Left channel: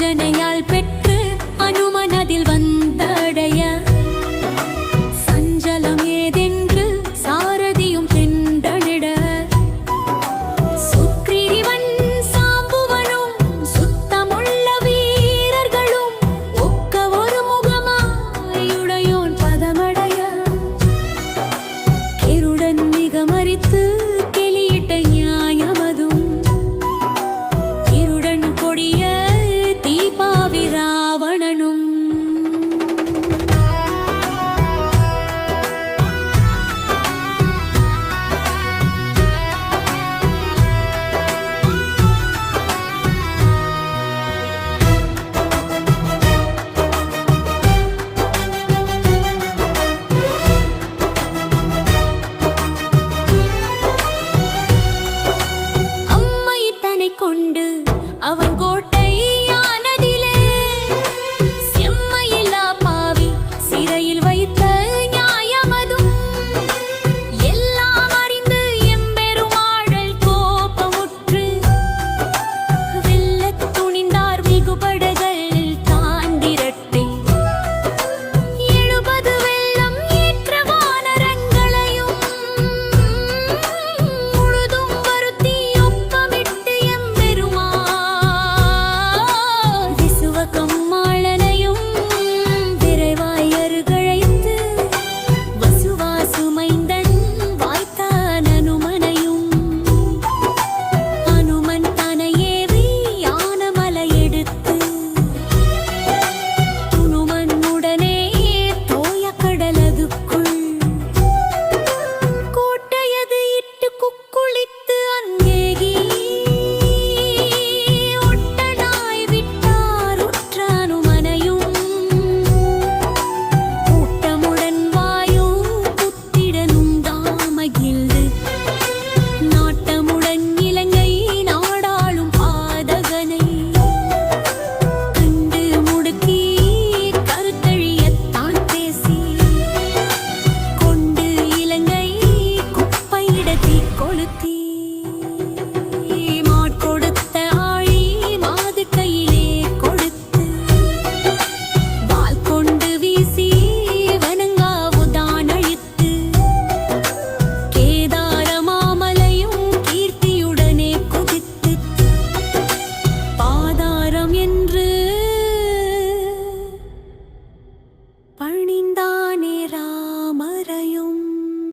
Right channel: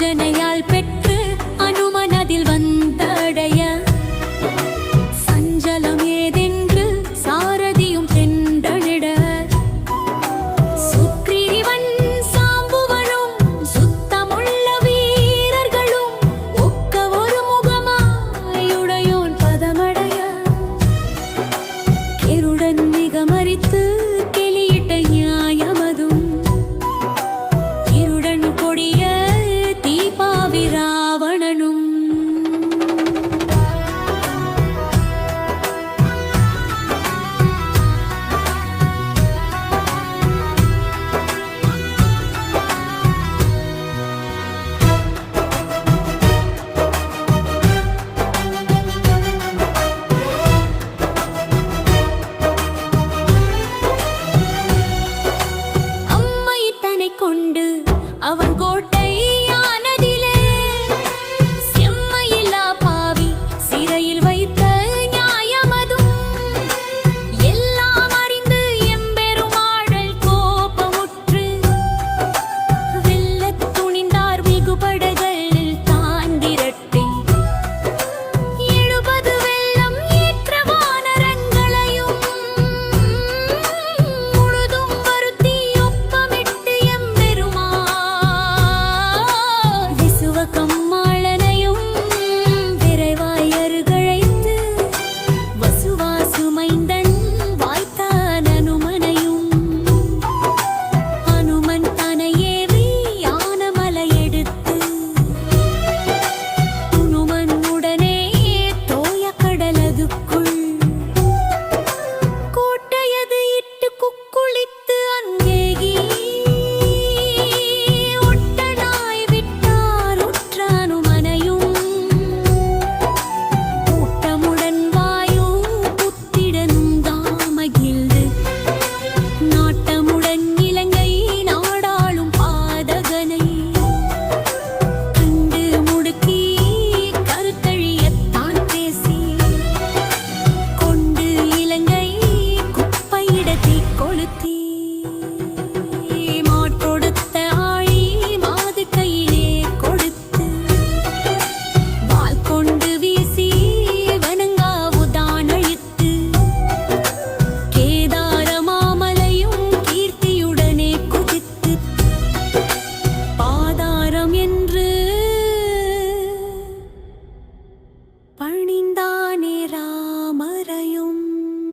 அஞ்சனையால் பெற்று அனுமனதில் வந்தடைய. சஞ்சலம் ஏதென்று சாரதியும் தெண்டனிட சுக்ரீவன் சாம்புவனும் சுத்தமுள்ள வீரர்களும் ஒக்க ஒரு முகமாயுடையோன் பதமடைய. கெருடன் மிக கெளியிட்ட நியாயமதும். இருடன் கொடிய தீபாவி ராவணனும் கொண்டு அவன் கோட்டை துணிந்தார் వచ్చాను